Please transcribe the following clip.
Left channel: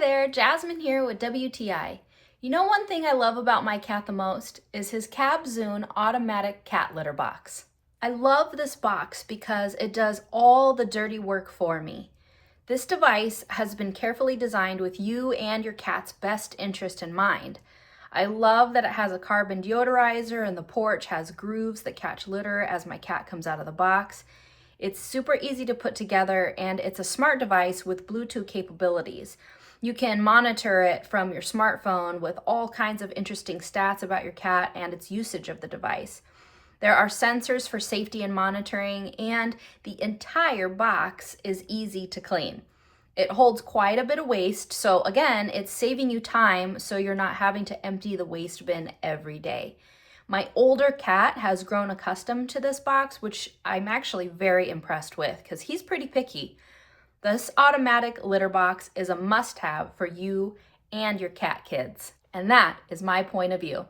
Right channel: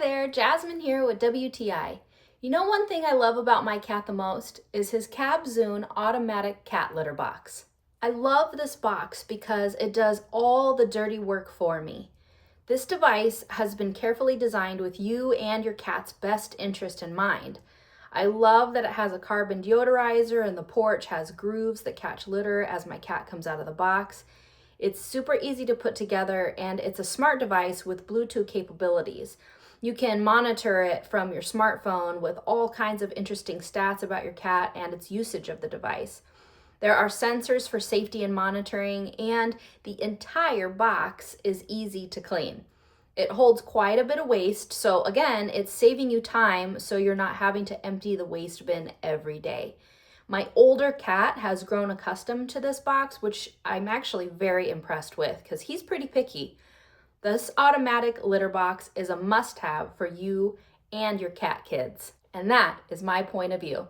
there, Jasmine here with WTI. You know, one thing I love about my cat the most is his CABZOON automatic cat litter box. I love this box because it does all the dirty work for me. This device has been carefully designed with you and your cat's best interest in mind. I love that it has a carbon deodorizer and the porch has grooves that catch litter as my cat comes out of the box. It's super easy to put together and it's a smart device with Bluetooth capabilities. You can monitor it from your smartphone with all kinds of interesting stats about your cat and its usage of the device. There are sensors for safety and monitoring, and the entire box is easy to clean. It holds quite a bit of waste, so again, it's saving you time so you're not having to empty the waste bin every day. My older cat has grown accustomed to this box, which I'm actually very impressed with because he's pretty picky. This automatic litter box is a must-have for you and your cat kids, and that is my point of view.